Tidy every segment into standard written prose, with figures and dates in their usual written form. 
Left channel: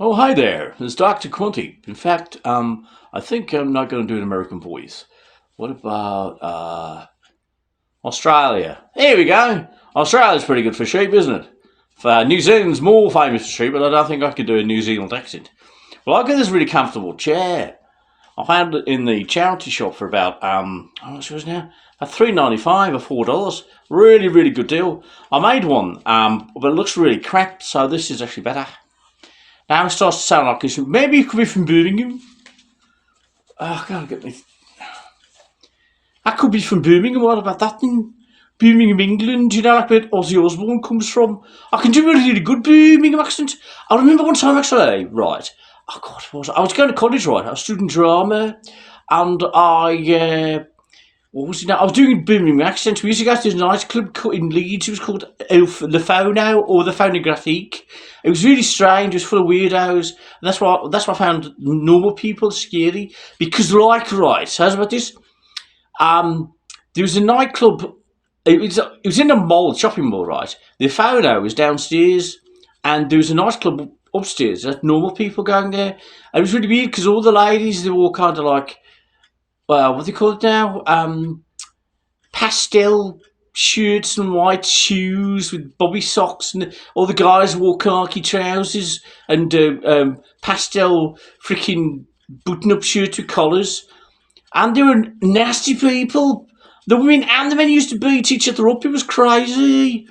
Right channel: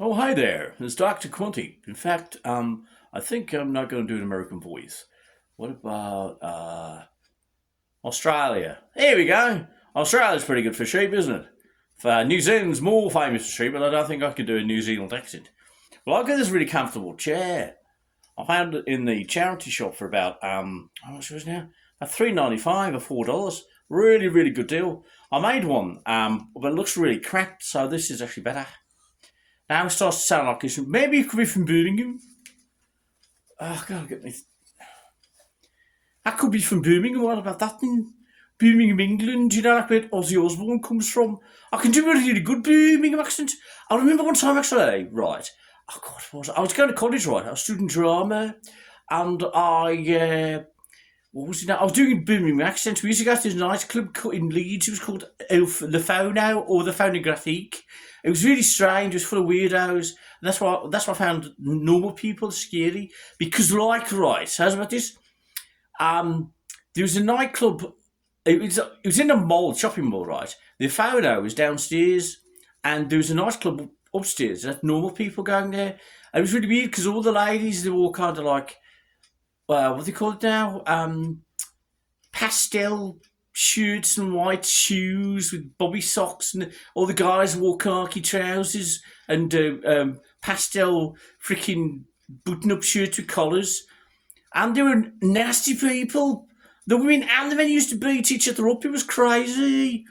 Oh, hi there. It's Dr. Qwunty. In fact, I think I'm not going to do an American voice. What about Australia? Here we go. Australia's pretty good for sheep, isn't it? New Zealand's more famous for sheep, but I don't think I could do a New Zealand accent. Well, I got this really comfortable chair. I found it in the charity shop for about how much was it now? About $3.95 or $4. Really, really good deal. I made one, but it looks really crap, so this is actually better. Now it starts to sound like this. Maybe it could be from Birmingham. Oh, I gotta get me. I could be from Birmingham. What about that then? Birmingham, England. You know, like where Ozzy Osbourne comes from. I can do a really good Birmingham accent. I remember one time actually, right? Oh God, what was it? I was going to college, right? I was studying drama, and what was it now? I was doing a Birmingham accent. We used to go to this nightclub in Leeds. It was called the Phono or the Phonographique. It was really strange. It was full of weirdos. And that's why I found normal people scary. Because like, right, how's about this? There was a nightclub. It was in a mall, shopping mall, right? The Phono was downstairs, and there was a nightclub upstairs. There's normal people going there. And it was really weird because all the ladies, they were all kind of like, well, what do they call it now? Pastel shirts and white shoes with bobby socks, and all the guys wore khaki trousers and pastel freaking button-up shirts with collars. And they were nasty people. The women and the men used to beat each other up. It was crazy.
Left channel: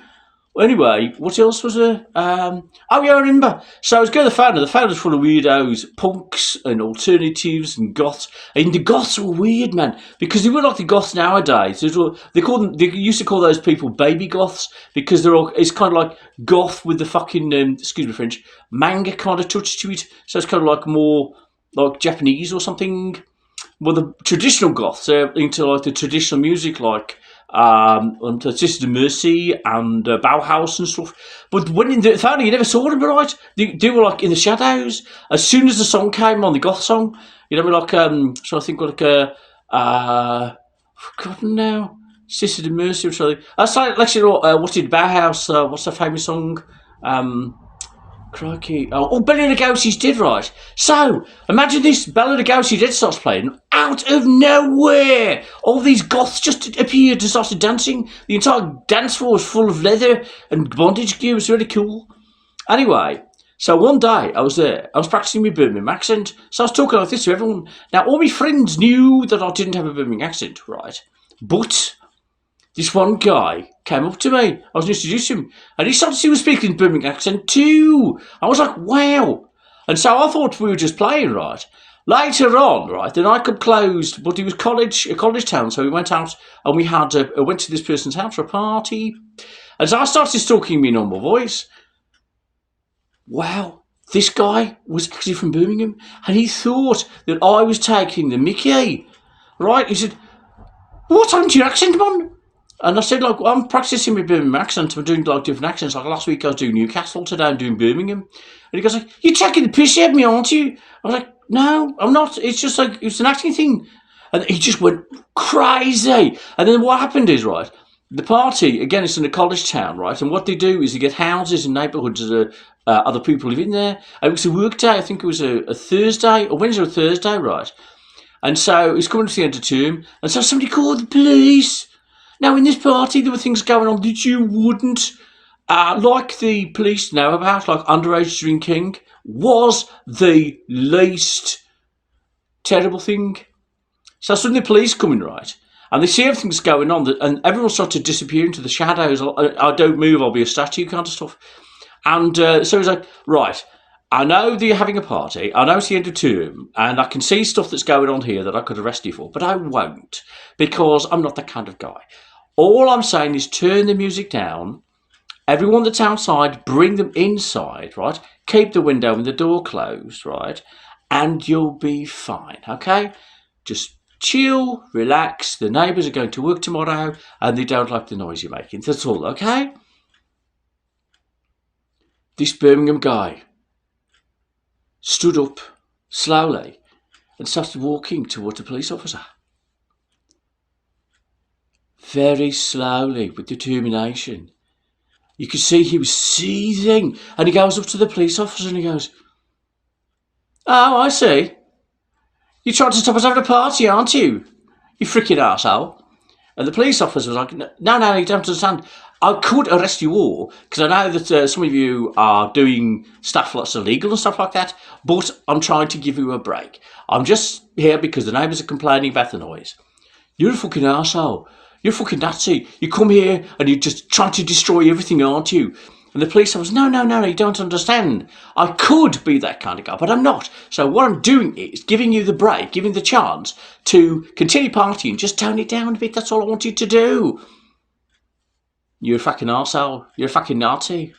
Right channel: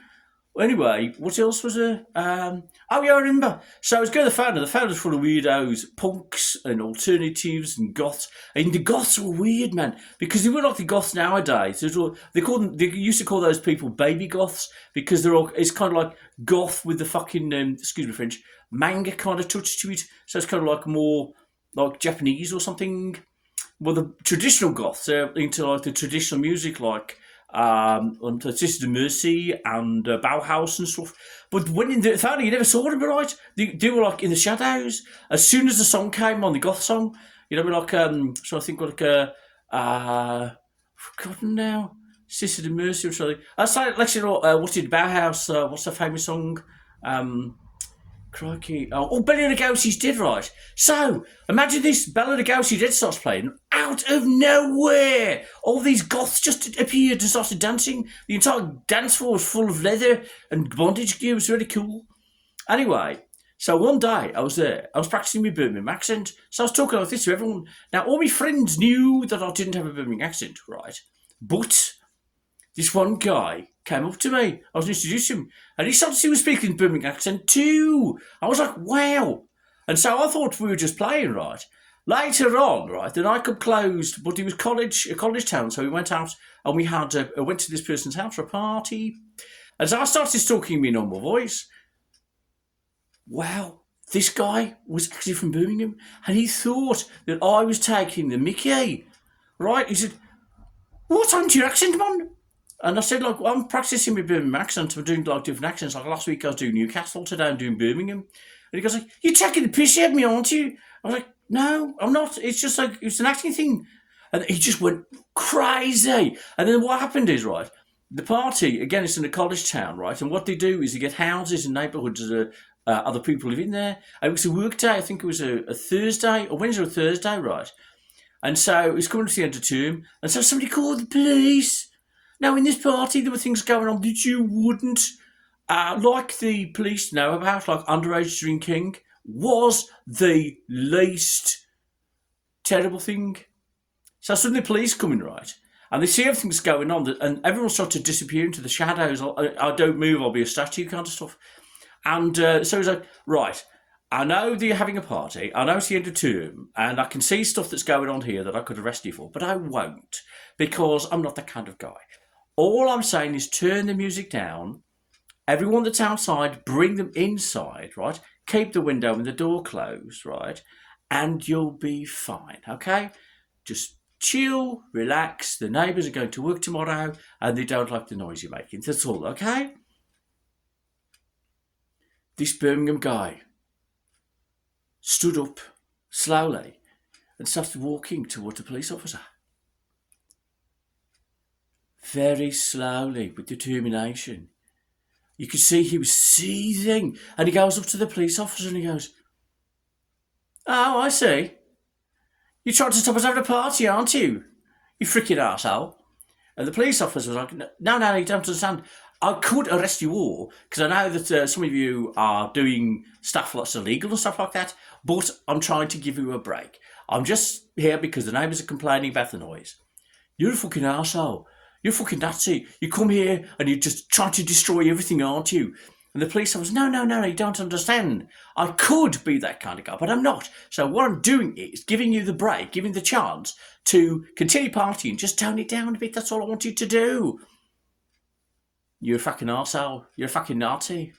Anyway, what else was there? Oh yeah, I remember. So I was going to the Founder. The Founder's full of weirdos, punks and alternatives and goths. And the goths were weird, man, because they were like the goths nowadays. They used to call those people baby goths because they're all. It's kind of like goth with the fucking excuse me French manga kind of touch to it. So it's kind of like more like Japanese or something. Well, the traditional goths are into like the traditional music, like Sister Mercy and Bauhaus and stuff. But when in the Founding, you never saw them, right? They were like in the shadows. As soon as the song came on, the goth song, you know, like so I think like forgotten now, Sister Mercy or something. That's like actually, what did Bauhaus? What's the famous song? Crikey. Oh, Bela Lugosi's dead, right? So, imagine this, Bela Lugosi dead starts playing. Out of nowhere! All these goths just appeared and started dancing. The entire dance floor was full of leather and bondage gear. It was really cool. Anyway, so one day I was there. I was practicing my Birmingham accent. So I was talking like this to everyone. Now, all my friends knew that I didn't have a Birmingham accent, right? But this one guy came up to me. I was introducing him, and he started to speak in Birmingham accent too. I was like, wow. And so I thought we were just playing, right? Later on, right, the nightclub closed, but it was a college town, so we went out and we went to this person's house for a party. And so I started talking in my normal voice. Wow, this guy was actually from Birmingham, and he thought that I was taking the mickey, right? He said, "What's happened to your accent, man?" And I said, like, well, I'm practicing my Birmingham accent. I'm doing, like, different accents. Like, last week I was doing Newcastle. Today I'm doing Birmingham. And he goes, like, you're taking the piss out of me, aren't you? I was like, no, I'm not. It's just, like, it's an acting thing. And he just went crazy. And then what happened is, right, the party, again, it's in a college town, right? And what they do is they get houses and neighbourhoods that other people live in there. And it was a work day. I think it was a Thursday, or Wednesday or Thursday, right? And so it's coming to the end of term. And so somebody called the police. Now, in this party, there were things going on that you wouldn't, like the police know about, like underage drinking, was the least terrible thing. So suddenly the police come in, right, and they see everything's going on, and everyone starts to disappear into the shadows. I don't move, I'll be a statue kind of stuff. And so he's like, right, I know that you're having a party, I know it's the end of term, and I can see stuff that's going on here that I could arrest you for, but I won't, because I'm not that kind of guy. All I'm saying is turn the music down. Everyone that's outside, bring them inside, right? Keep the window and the door closed, right? And you'll be fine, okay? Just chill, relax. The neighbours are going to work tomorrow and they don't like the noise you're making. That's all, okay? This Birmingham guy stood up slowly and started walking towards the police officer. Very slowly, with determination. You could see he was seething. And he goes up to the police officer and he goes, Oh, I see. You tried to stop us having a party, aren't you? You freaking arsehole. And the police officer was like, no, you don't understand. I could arrest you all, because I know that some of you are doing stuff that's illegal and stuff like that, but I'm trying to give you a break. I'm just here because the neighbours are complaining about the noise. You're a fucking arsehole. You're a fucking Nazi. You come here and you're just trying to destroy everything, aren't you? And the police officer, no, you don't understand. I could be that kind of guy, but I'm not. So what I'm doing is giving you the break, giving the chance to continue partying, just tone it down a bit. That's all I want you to do. You're a fucking arsehole. You're a fucking Nazi.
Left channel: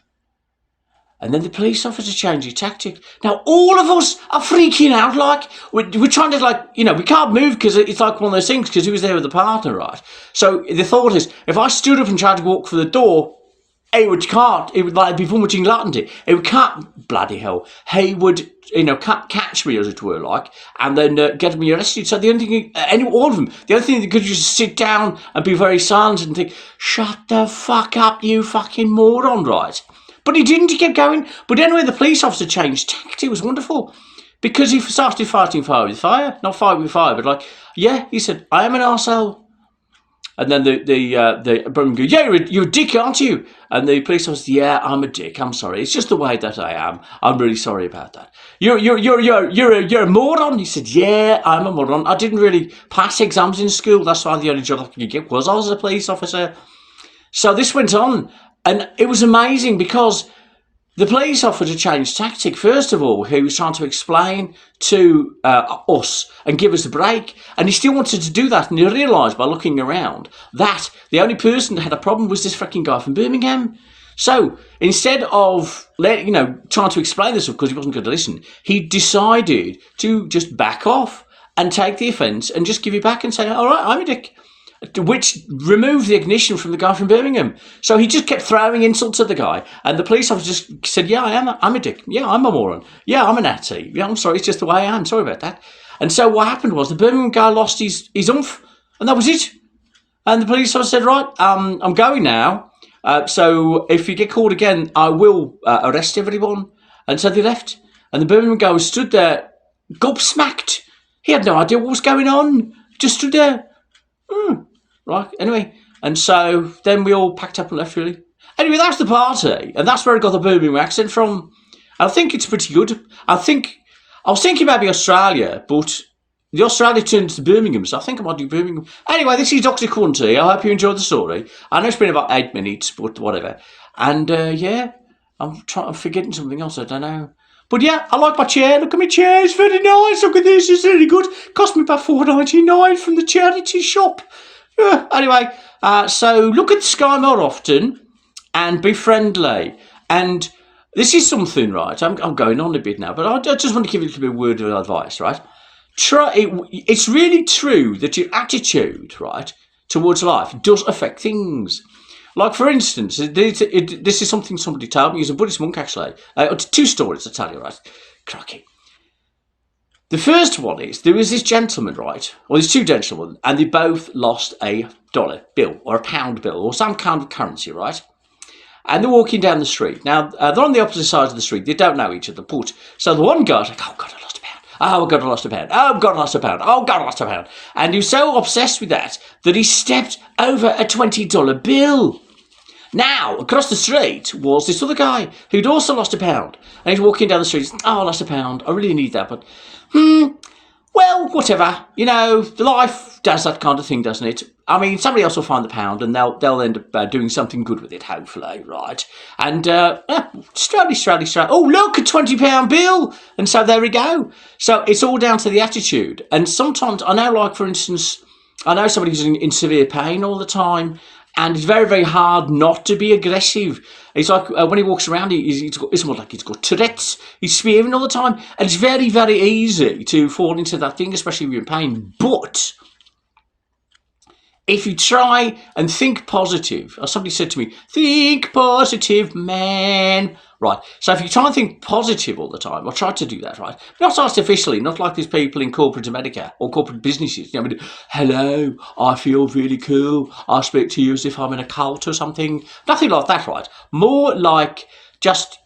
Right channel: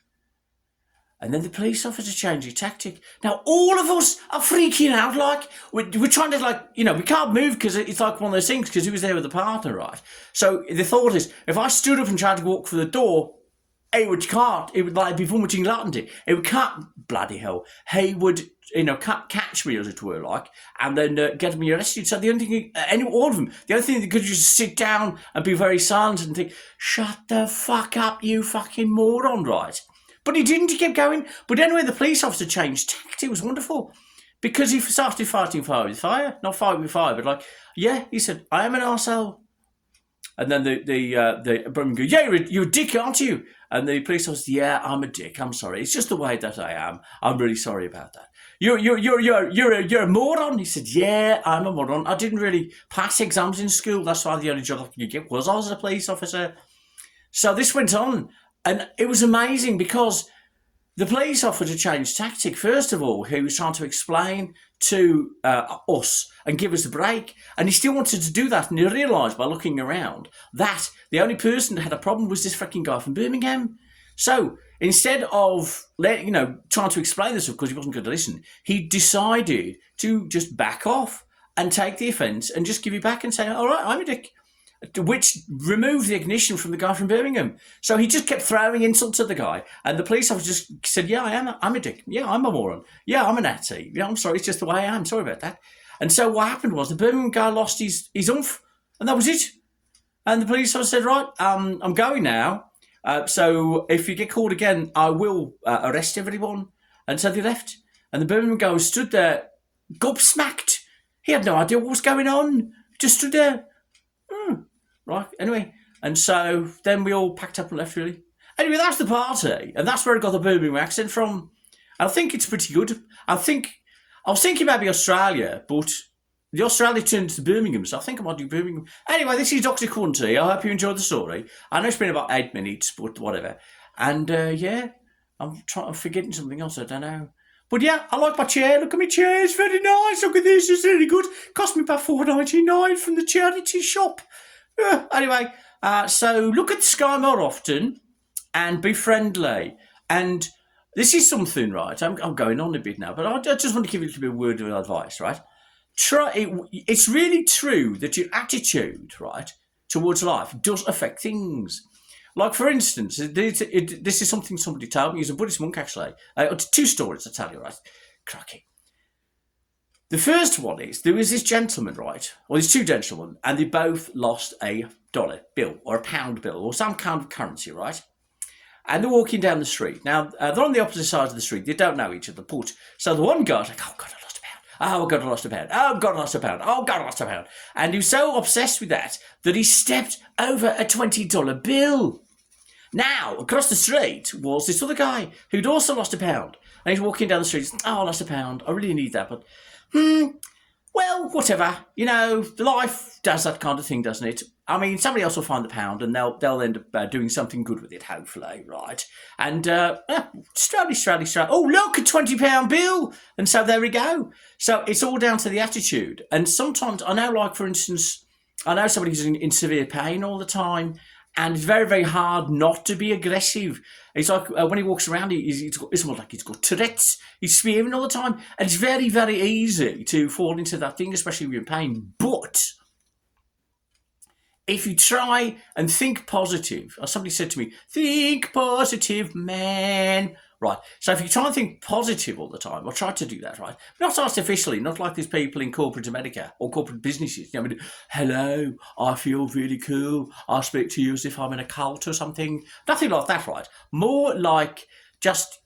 And then the police officer changed his tactic. Now, all of us are freaking out, like, we're trying to, like, we can't move because it's like one of those things, because he was there with the partner, right? So the thought is, if I stood up and tried to walk for the door, it would like be vomiting latte. It can't, bloody hell. He would, catch me, as it were, like, and then get me arrested. So the only thing, all of them, the only thing they could just sit down and be very silent and think, shut the fuck up, you fucking moron, right? But he didn't, he kept going. But anyway, the police officer changed tactic. It was wonderful. Because he started fighting fire with fire. Not fire with fire, but like, yeah, he said, I am an arsehole. And then the Birmingham go, yeah, you're a dick, aren't you? And the police officer said, yeah, I'm a dick. I'm sorry. It's just the way that I am. I'm really sorry about that. You're a moron. He said, yeah, I'm a moron. I didn't really pass exams in school. That's why the only job I could get was I was a police officer. So this went on, and it was amazing because the police officer changed tactic. First of all, he was trying to explain to us and give us a break. And he still wanted to do that. And he realised by looking around that the only person that had a problem was this fucking guy from Birmingham. So instead of trying to explain this because he wasn't going to listen, he decided to just back off and take the offence and just give it back and say, all right, I'm a dick. Which removed the ignition from the guy from Birmingham. So he just kept throwing insults at the guy. And the police officer just said, yeah, I'm a dick. Yeah, I'm a moron. Yeah, I'm a Nazi. Yeah, I'm sorry, it's just the way I am. Sorry about that. And so what happened was the Birmingham guy lost his oomph, and that was it. And the police officer said, right, I'm going now. So if you get called again, I will arrest everyone. And so they left. And the Birmingham guy stood there, gobsmacked. He had no idea what was going on. Just stood there. Right, anyway, and so then we all packed up and left, really. Anyway, that's the party, and that's where I got the Birmingham accent from. I think it's pretty good. I was thinking maybe Australia, but the Australia turned to Birmingham, so I think I might do Birmingham. Anyway, this is Dr Qwunty. I hope you enjoyed the story. I know it's been about 8 minutes, but whatever. And yeah, I'm forgetting something else, I don't know. But yeah, I like my chair. Look at my chair, it's very nice. Look at this, it's really good. Cost me about $4.99 from the charity shop. Anyway, so look at the sky more often and be friendly. And this is something, right? I'm going on a bit now, but I just want to give you a little bit of word of advice, right? It's really true that your attitude, right, towards life does affect things. Like, for instance, this is something somebody told me. He's a Buddhist monk, actually. 2 stories, I tell you, right? Cracky. The first one is, there was this gentleman, right? Well, there's 2 gentlemen, and they both lost a dollar bill or a pound bill or some kind of currency, right? And they're walking down the street. Now, they're on the opposite sides of the street. They don't know each other, but so the one guy's like, oh, God, I lost a pound. Oh, God, I lost a pound. Oh, God, I lost a pound. Oh, God, I lost a pound. And he was so obsessed with that he stepped over a $20 bill. Now, across the street was this other guy who'd also lost a pound. And he's walking down the street. Oh, I lost a pound. I really need that, but well, whatever. Life does that kind of thing, doesn't it? I mean, somebody else will find the pound and they'll end up doing something good with it, hopefully, right? And strally. Oh, look, a £20 bill. And so there we go. So it's all down to the attitude. And sometimes, I know, like, for instance, I know somebody who's in severe pain all the time, and it's very, very hard not to be aggressive. It's like when he walks around, it's more like he's got Tourette's. He's swearing all the time. And it's very, very easy to fall into that thing, especially if you're in pain. But if you try and think positive, or somebody said to me, think positive, man. Right, so if you try and think positive all the time, or try to do that, right? Not artificially, not like these people in corporate America or corporate businesses. Hello, I feel really cool. I speak to you as if I'm in a cult or something. Nothing like that, right? More like just,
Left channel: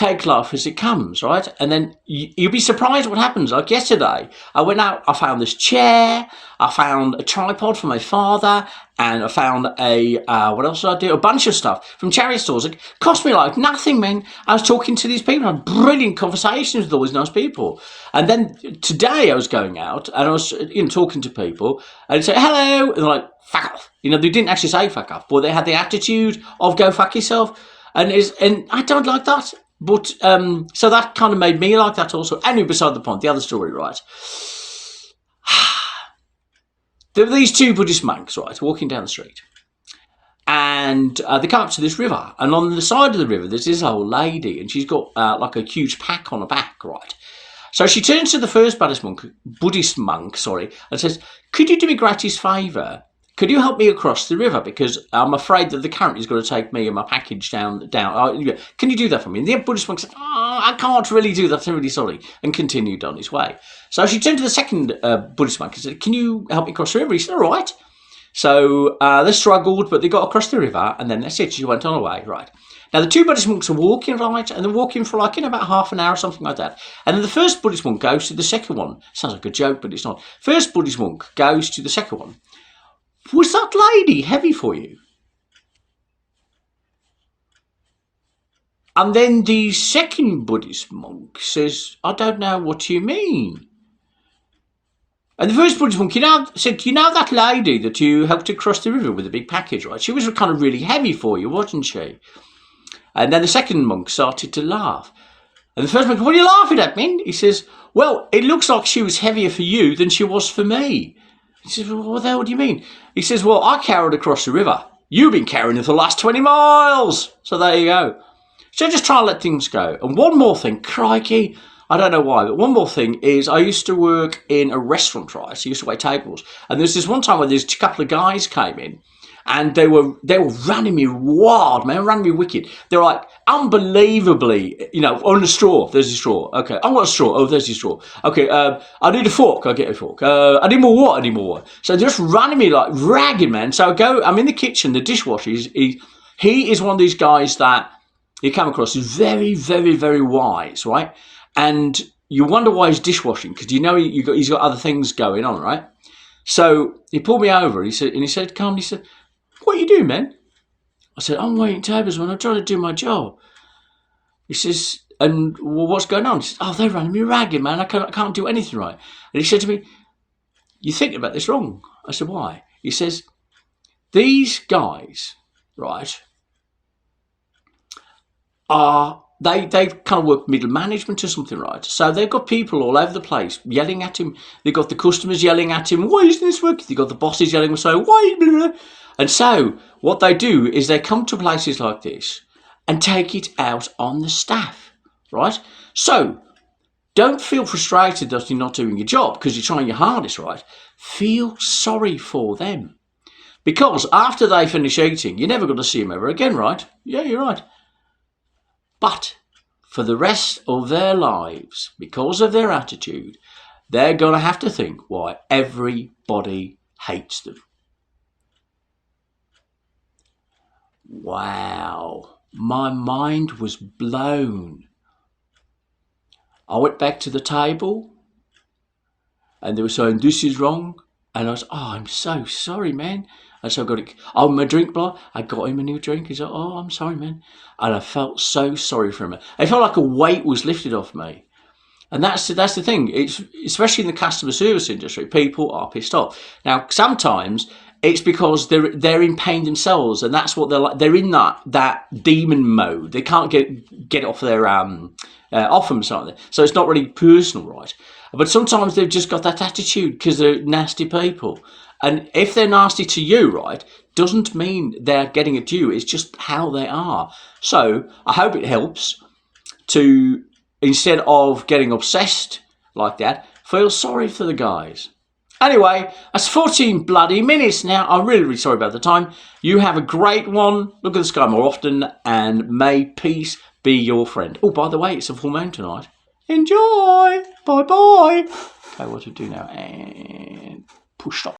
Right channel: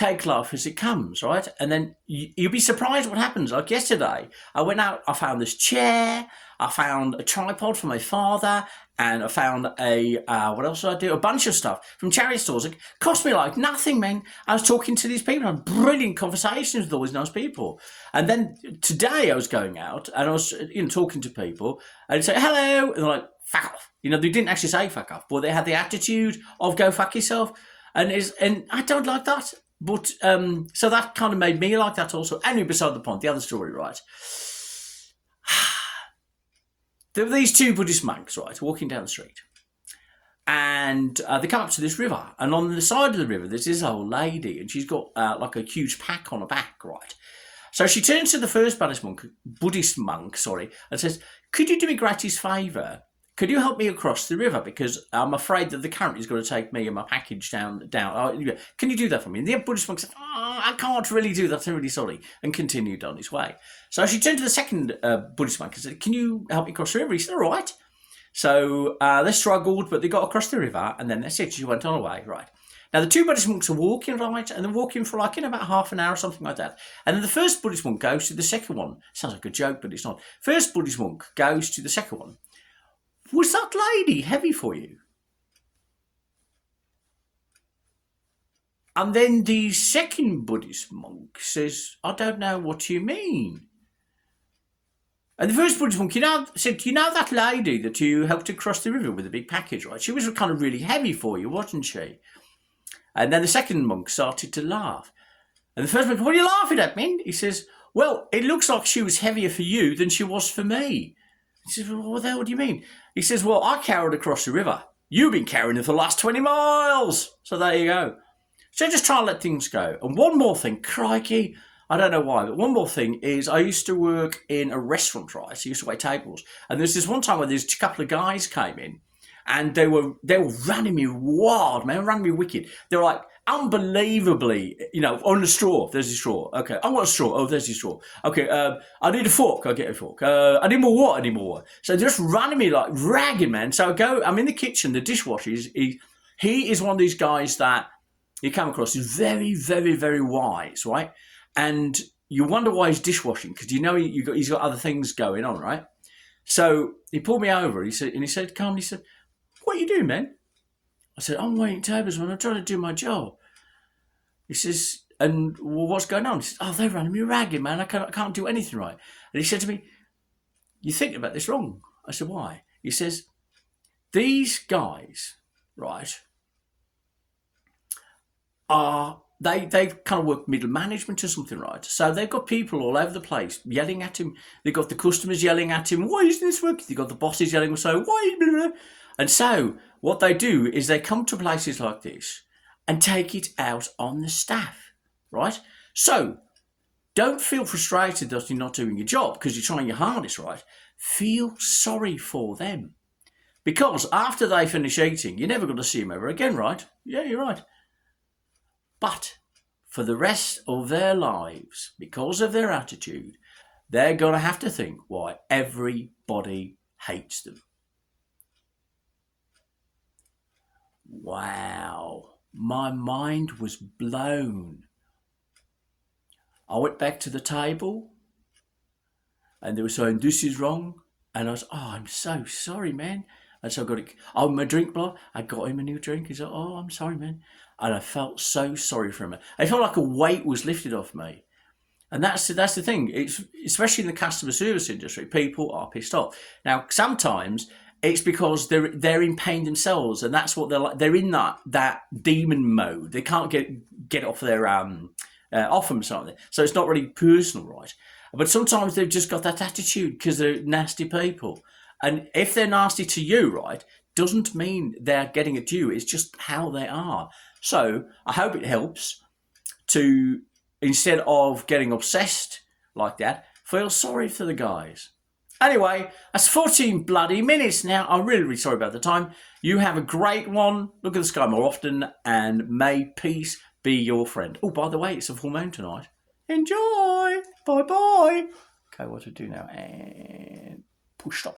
take life as it comes, right? And then you'll be surprised what happens. Like yesterday, I went out, I found this chair, I found a tripod for my father, and I found what else did I do? A bunch of stuff from charity stores. It cost me like nothing, man. I was talking to these people, I had brilliant conversations with all these nice people. And then today I was going out and I was talking to people, and they'd say, hello, and they're like, fuck off. They didn't actually say fuck off, but they had the attitude of go fuck yourself. And I don't like that. But, so that kind of made me like that also. Anyway, beside the point, the other story, right? There were these two Buddhist monks, right, walking down the street. And they come up to this river. And on the side of the river, there's this old lady. And she's got like a huge pack on her back, right? So she turns to the first Buddhist monk, and says, could you do me a greatest favour? Could you help me across the river? Because I'm afraid that the current is going to take me and my package down. Can you do that for me? And the Buddhist monk said, I can't really do that. I'm really sorry. And continued on his way. So she turned to the second Buddhist monk and said, can you help me cross the river? He said, all right. So they struggled, but they got across the river. And then that's it. She went on her way. Right. Now, the two Buddhist monks are walking, right? And they're walking for about half an hour or something like that. And then the first Buddhist monk goes to the second one. Sounds like a joke, but it's not. First Buddhist monk goes to the second one. Was that lady heavy for you? And then the second Buddhist monk says, I don't know what you mean. And the first Buddhist monk said, that lady that you helped to cross the river with a big package, right? She was kind of really heavy for you, wasn't she? And then the second monk started to laugh. And the first monk, what are you laughing at, man? He says, well, it looks like she was heavier for you than she was for me. He says, well, what the hell do you mean? He says, well, I carried across the river. You've been carrying it for the last 20 miles. So there you go. So just try and let things go. And one more thing, crikey, I don't know why, but one more thing is I used to work in a restaurant, right? So I used to wait tables. And there's this one time where there's a couple of guys came in and they were running me wild, man, running me wicked. They're like, unbelievably, on a straw, there's a straw. Okay, I want a straw. Oh, there's a straw. Okay, I need a fork. I get a fork. I need more water. So they're just running me like ragged, man. So I'm in the kitchen, the dishwasher, he is one of these guys that you come across, is very, very, very wise, right? And you wonder why he's dishwashing, because he's got other things going on, right? So he pulled me over, he said, calmly, what are you doing, man? I said, I'm waiting tables, man. I'm trying to do my job. He says, and well, what's going on? He says, they're running me ragged, man. I can't do anything right. And he said to me, you're thinking about this wrong. I said, why? He says, these guys, right, they kind of work middle management or something, right? So they've got people all over the place yelling at him. They've got the customers yelling at him, why isn't this working? They've got the bosses yelling, saying, why? Blah, blah. And so what they do is they come to places like this and take it out on the staff, right? So don't feel frustrated that you're not doing your job because you're trying your hardest, right? Feel sorry for them. Because after they finish eating, you're never going to see them ever again, right? Yeah, you're right. But for the rest of their lives, because of their attitude, they're going to have to think why everybody hates them. Wow, my mind was blown. I went back to the table and they were saying, this is wrong. And I was, I'm so sorry, man. And so I got it. Oh, my drink blow. I got him a new drink. He's like, I'm sorry, man. And I felt so sorry for him. I felt like a weight was lifted off me. And that's the thing. It's especially in the customer service industry, people are pissed off. Now, sometimes it's because they're in pain themselves, and that's what they're like. They're in that demon mode. They can't get off their off them something. So it's not really personal, right? But sometimes they've just got that attitude because they're nasty people. And if they're nasty to you, right, doesn't mean they're getting at you. It's just how they are. So I hope it helps to, instead of getting obsessed like that, feel sorry for the guys. Anyway, that's 14 bloody minutes now. I'm really, really sorry about the time. You have a great one. Look at the sky more often, and may peace be your friend. Oh, by the way, it's a full moon tonight. Enjoy. Bye-bye. Okay, what to do now? And push stop.